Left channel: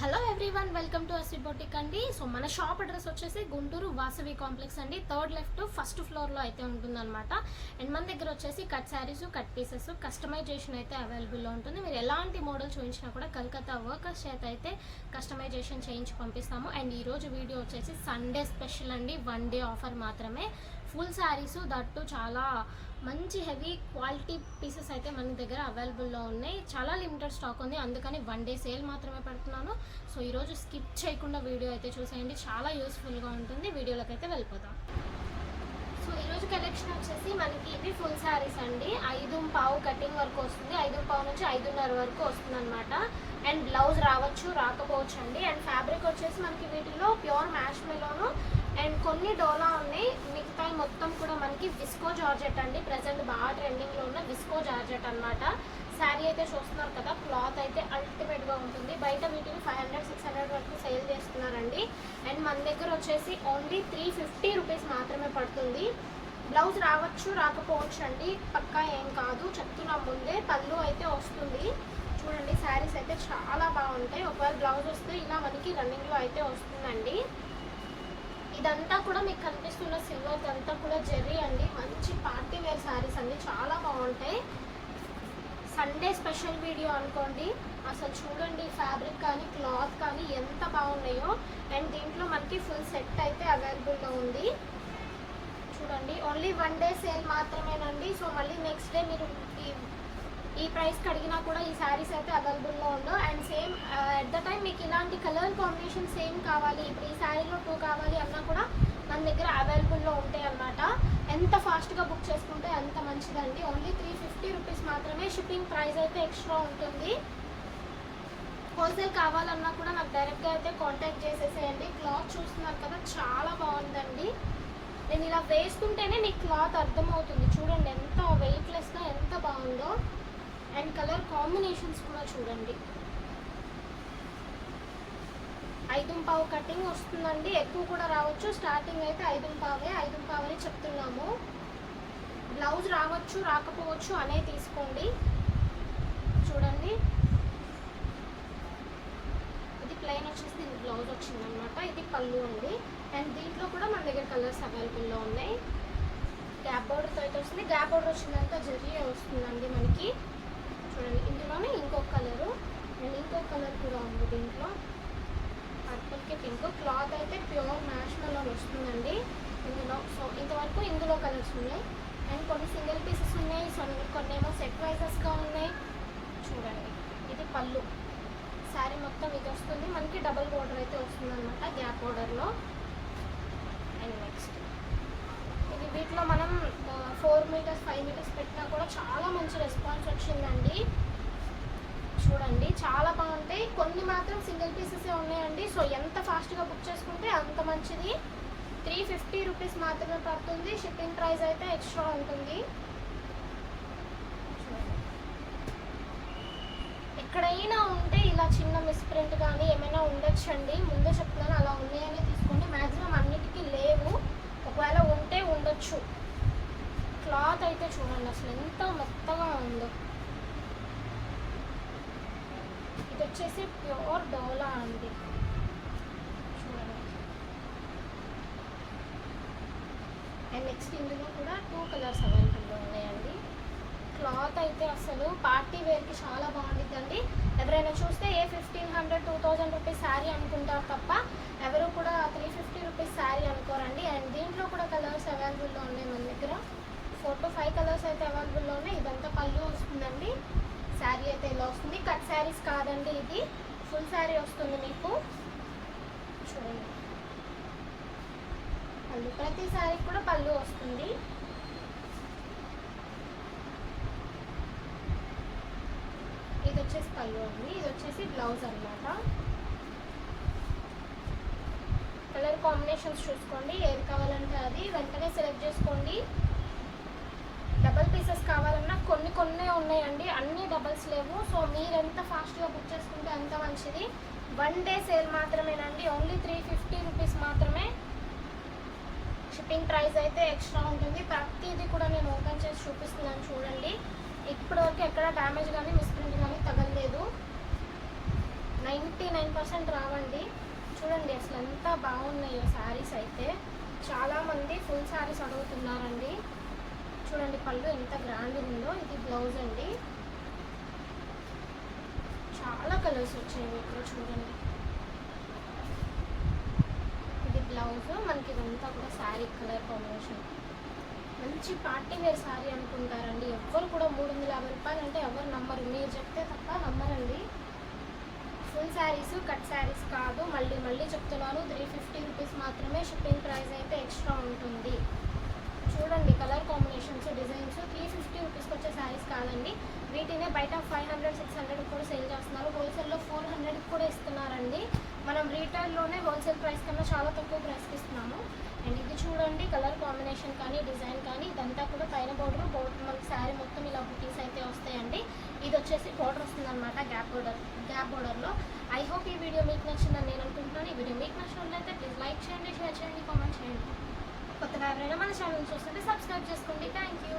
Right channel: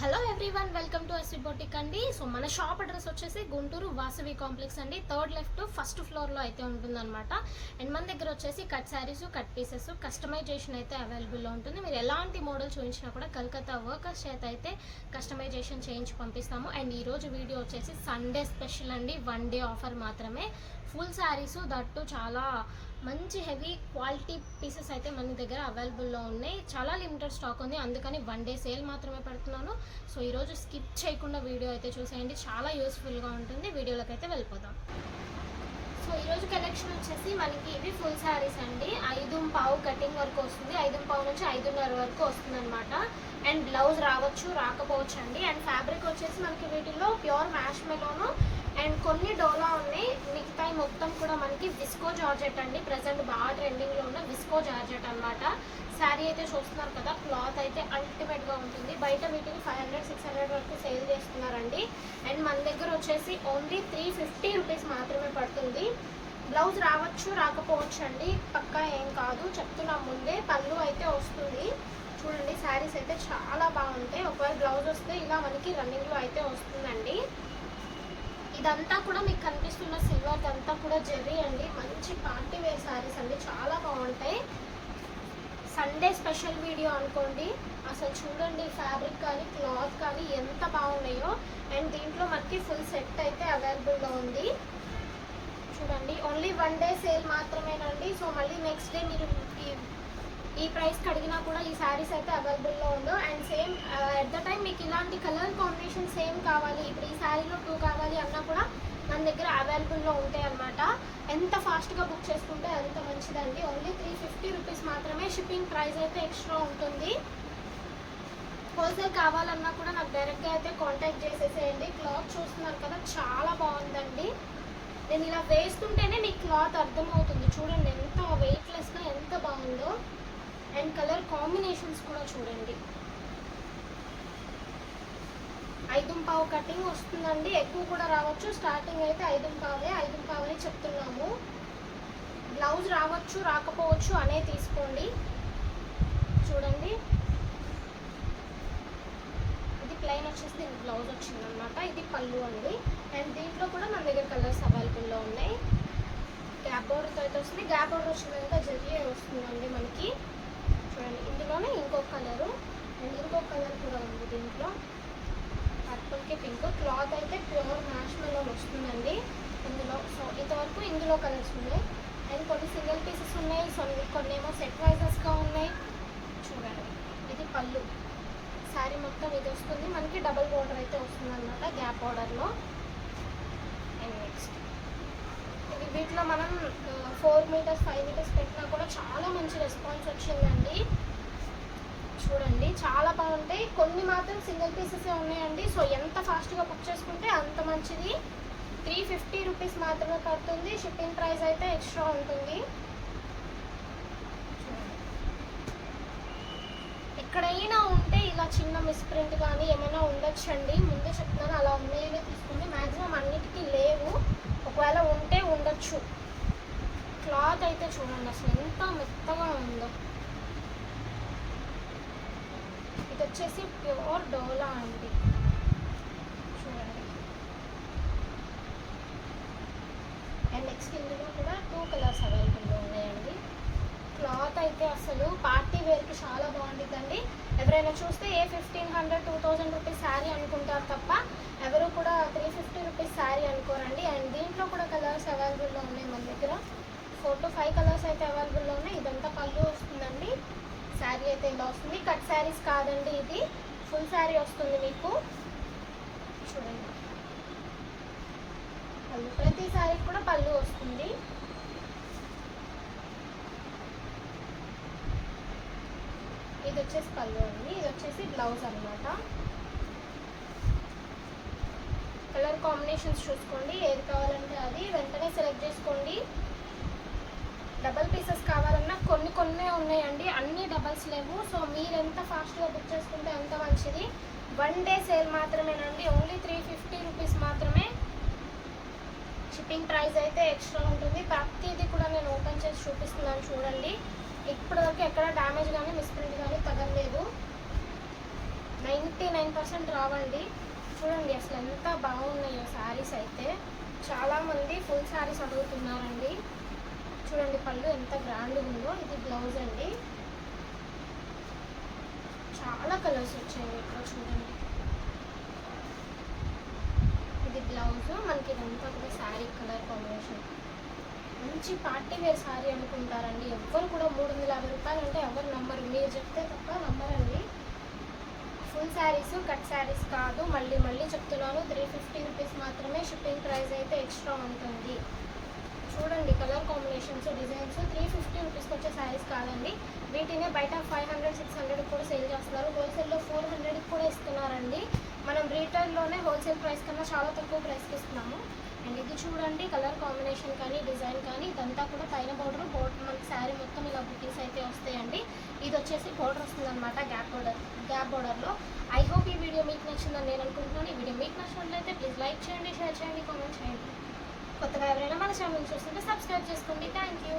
Hello everyone, welcome to Ashri boutique అండి. So మన shop address వచ్చేసి గుంటూరు వాసవి కాంప్లెక్స్ అండి. థర్డ్ లెఫ్ట్ ఫస్ట్ ఫ్లోర్లో అయితే ఉంటుందన్నమాట. అండ్ మన దగ్గర వచ్చేసి cut saris, cut pieces, customization అయితే అవైలబుల్లో ఉంటుంది. మీరు ఎలాంటి మోడల్ చూపించినా కూడా కలకత్తా వర్కర్స్ చేత అయితే కస్టమైజేషన్ చేయించి పంపిస్తాము. అండ్ ఈరోజు వీడియో వచ్చేసి సండే స్పెషల్ అండి, 1 డే ఆఫర్ మాత్రమే. ఫుల్ శారీస్ దట్టు చాలా మంచి హెవీ క్వాలిటీ పీసెస్ అయితే మన దగ్గర అవైలబుల్లో ఉన్నాయి. చాలా లిమిటెడ్ స్టాక్ ఉంది, అందుకని 1 డే సేల్ మాత్రమే పెడుతున్నాను. సో ఈరోజు స్కిప్ చేయకుండా వీడియో అయితే చూసేయండి, చాలా యూస్ఫుల్గా ఉంటుంది. వీడియోలోకి అయితే వెళ్ళిపోదాం. సో ఈరోజు కలెక్షన్ వచ్చేసి మనకి ఇవి ఫుల్ శారీస్ అండి. 5.5 కటింగ్ వరకు వస్తుంది, 5.5 నుంచి 5.5 వరకు వస్తుంది అనమాట. అండ్ బ్లౌజ్ రావచ్చు, రాకపోవచ్చు అండి. అండ్ ఫ్యాబ్రిక్ వచ్చేసి మనకి వీటిలో ప్యూర్ మ్యాష్ మెలోను అండ్ కొన్ని డోలా ఉన్నాయి. మిగతా మొత్తం కూడా మనకి విస్కో జార్జెట్ అండి. ప్రజెంట్ బాగా ట్రెండింగ్లో ఉన్న విస్కో జార్జెట్ అనమాట. శారీ అయితే చూస్తున్నారు కదా, క్లాత్ అయితే అల్టిమేట్గా ఉంటుంది. బయట వీటిని 500-600 వరకు సేల్ చేస్తున్నారండి. అండ్ మన దగ్గర వచ్చేసి ఓన్లీ 350 రూపీస్ మాత్రమే పడుతుంది. బ్లౌజ్ రావచ్చు, రాకపోవచ్చు అండి, పక్కా ఏం కాదు, చెప్తున్నా ముందే. పళ్ళు అయితే వస్తుంది చూడండి. శారీస్ అయితే చాలా బాగుంటాయి. ఒకవేళ బ్లౌజ్ వస్తే ఇలా మనకి రన్నింగ్లో అయితే వస్తుందండి. ఇదంతా కూడా మీకు కనిపిస్తున్న సిల్వర్ అంతా కూడా జెర్రీ అండి. మంచి పార్టీ వేర్ శారీస్ అండి, చాలా బాగుంటాయి. సండే స్పెషల్ వీడియో అనుకోండి. అసలు చూడండి, ఫ్యాబ్రిక్ కానీ క్లాత్ కానీ ఎంత బాగున్నాయో. అండ్ దీంట్లో మనకి ఫుల్ సెట్ అయితే అవైలబుల్లో ఉంది చూడండి. ఓన్లీ 1 డే సేల్ మాత్రమేనండి. సో మళ్ళీ నెక్స్ట్ డే మీరు ఈ ప్రైస్కి అడిగినా కూడా ఈ శారీస్ అయితే అవైలబుల్లో ఉందో. And same at the time మీకు ఇలాంటి కలర్ కాంబినేషన్ సేమ్ కావాలి, ఇప్పుడు ఈ శారీలో 2 కావాలి అన్నా కూడా మన దగ్గర అవైలబుల్లో ఉంటాయి అన్నమాట. ఎంత ఫాస్ట్గా బుక్ చేసుకుంటే అంత మంచిదండి. ఓన్లీ 350 రూపీస్ మాత్రమే. షిప్పింగ్ ప్రైస్ అయితే ఎక్స్ట్రా ఉంటుంది. హోల్సేల్ కావాలన్నా కూడా నాకు డైరెక్ట్గా అయితే కాంటాక్ట్ చేసేసేయండి. క్లాత్ చూస్తున్నారు కదా, చాలా బాగుందండి. నేను ఇలా వేసుకుంటేనే మీకు క్లాత్ అర్థమవుతుంది. చూడండి ఎంత వెయిట్లెస్గా ఎంత బాగుందో. అండ్ కలర్ కాంబినేషన్స్ కూడా చూడండి. 5.5 కటింగ్ వస్తుందండి, ఎక్కువ కూడా రావచ్చు. స్టార్టింగ్ అయితే 5.5 అని చెప్తున్నాము. బ్లౌజ్ రావచ్చు, రాకపోవచ్చు అనే తీసుకోండి. చూడండి, ఇది ప్లెయిన్ వచ్చేసి దీనికి బ్లౌజ్ వచ్చిందనమాట. ఇది పళ్ళు అండి. అండ్ దీంట్లో కూడా మన దగ్గర కలర్స్ అవైలబుల్లో ఉన్నాయి. గ్యాప్ బోర్డర్తో అయితే వస్తుంది. గ్యాప్ బోర్డర్ వచ్చిందంతా జరీ వస్తుందండి మనకి. చూడండి, ఇందులోనే ఇంకొక కలరు అండ్ ఇంకొక కలర్ కూడా ఉంది దీంట్లో, పర్పుల్కి పింక్. క్లాత్ అయితే ప్యూర్ మ్యాష్ మెలోన్ వస్తుందండి ఇందులో. సో ఇంతవరకు ఇందులో కలర్స్ ఉన్నాయి. అండ్ కొన్ని సింగిల్ పీసెస్ ఉన్నాయి, కొన్ని ఏమో సెట్ వైజెస్గా ఉన్నాయి. చూడండి, ఇది పళ్ళు. శారీ మొత్తం ఇది వస్తుంది మనకి. డబుల్ బోర్డర్ అయితే వస్తుంది అనమాట గ్యాప్ బోర్డర్లో. అండ్ నెక్స్ట్ ఇది వీటిలో మనం 4 మీటర్స్ 5 మీటర్స్ పెట్టినా కూడా చాలా మంచి రెస్పాన్స్ వచ్చిందండి. చూడండి, చాలా బాగుంటాయి. కొన్ని మాత్రం సింగిల్ పీసెసే ఉన్నాయండి. సో ఎంత ఫాస్ట్గా బుక్ చేసుకుంటే అంత మంచిది. 350 రూపీస్ మాత్రమే పడుతుంది. షిప్పింగ్ ప్రైస్ అయితే ఎక్స్ట్రా ఉంటుంది. ఎక్కడైనా ఉంటే ఇలా చిన్న మిస్ప్రింట్ కానీ ఏమైనా ఉండొచ్చండి. ముందే చెప్తున్నాను, అలా ఉన్నాయని తీసుకోండి. మ్యాక్సిమం అన్నిటికీ లేవు, ఒకవేళ ఉంటే ఉండొచ్చు. క్లాత్ అయితే చూడండి అసలు ఎంత మెత్తగా ఉందో. ఇది వచ్చేసి ప్యూర్ డోలా అండి. చూడండి. అండ్ నెక్స్ట్ ఇందులో కూడా 2 కలర్స్ అవైలబుల్లో ఉన్నాయండి. క్లాత్ అయితే అసలు పార్టీ వేర్కి చాలా బాగుంటుందండి. ఎవరైనా చూస్తే 1500-2000 రూపీస్ శారీ అనుకుంటారు తప్ప ఎవరు కూడా 350 రూపీస్ శారీ అనుకోరండి. అండ్ దీంట్లో కూడా కలర్స్ అవైలబుల్లో ఉన్నాయి మన దగ్గర. 4 to 5 కలర్స్ అయితే అవైలబుల్లో ఉన్నాయి. ఇదంతా పళ్ళు వస్తుందండి. శారీ అయితే ఇలా వస్తుంది. కట్ శారీస్ కాదండి, ఇది ఫుల్ శారీ వస్తుంది మీకు. చూడండి, పళ్ళు ప్రతి శారీకి కూడా పళ్ళు వస్తుంది. ఇది వచ్చేసి పళ్ళు ఉంది, ఇది వచ్చేసి బ్లౌజ్ అనమాట. కలర్ కాంబినేషన్స్ చూసుకోండి, ఏది కావాలంటే అది వెంటనే సెలెక్ట్ చేసుకోండి. డబల్ పీసెస్ కావాలన్నా కొన్ని ఉన్నాయండి, అన్ని డబల్స్ లేవు. సో మీరు ఎంత ఫాస్ట్గా బుక్ చేసుకుంటే అంత మంచిది. 1 డే సేల్ మాత్రమేనండి. ఓన్లీ 350 రూపీస్ మాత్రమే. షిప్పింగ్ ప్రైస్ అయితే ఎక్స్ట్రా ఉంటుంది. ప్రతిదీ కూడా నేను ఓపెన్ చేసి చూపిస్తున్నాను చూడండి. ఇప్పటివరకు ఎక్కడ డ్యామేజ్ కానీ మిస్ప్రింట్ కానీ తగలలేదు. 99 99% రావండి. చూడండి అసలు ఎంత బాగున్నాయో శారీస్ అయితే. చాలామంది ఫుల్ శారీస్ అడుగుతున్నారండి. చూడండి పళ్ళు ఎంత గ్రాండ్గా ఉందో. ఇది బ్లౌజ్ అండి. చాలా కలర్స్ వచ్చాయి ఇక్కడ చూడండి. ఇది బ్లౌజ్. మనకి ఇదంతా కూడా శారీ కలర్ కాంబినేషన్. మంచి పార్టీ వేర్ శారీ అనుకుంటారండి. ఎవ్వరు కూడా 350 రూపాయలు అంటే ఎవరు నమ్మరు. మీరు చెప్తే తప్ప నమ్మరండి. ఫుల్ శారీస్ కట్ శారీస్ కాదు. మళ్ళీ చెప్తున్నాను, 350 రూపీస్ మాత్రమే. షిప్పింగ్ ప్రైస్ అయితే ఎక్స్ట్రా ఉంటుంది. చూడండి కలర్ కాంబినేషన్స్, డిజైన్స్. 350 రూపీస్కి వచ్చే శారీస్ కాదండి. వీటినే బయట 500-600 కూడా సేల్ చేస్తున్నారు. హోల్సేల్లో 400 కూడా ఇస్తున్నారండి. మనం రీటైల్లోనే హోల్సేల్ ప్రైస్ కన్నా చాలా తక్కువ ప్రైస్కి ఇస్తున్నాము. అండ్ ఇది చూడండి కలర్ కాంబినేషన్ కానీ డిజైన్ కానీ ఇదంతా కూడా పైన బోర్డర్ మనకి శారీ మొత్తం ఇలా బుటీస్ అయితే వస్తాయండి. ఇది వచ్చేసి బోర్డర్ వస్తుంది అనమాట, గ్యాప్ బోర్డర్లో. ఐ హోప్ ఈ వీడియో మీకు నచ్చిందని నేను అనుకుంటున్నాను. ఈ వీడియో మీకు నచ్చినట్లయితే ప్లీజ్ లైక్ చేయండి, షేర్ చేయండి, కామెంట్ చేయండి. కొత్తగా ఎవరైనా మన ఛానల్ చూస్తుంటే సబ్స్క్రైబ్ చేసుకోండి. Thank you.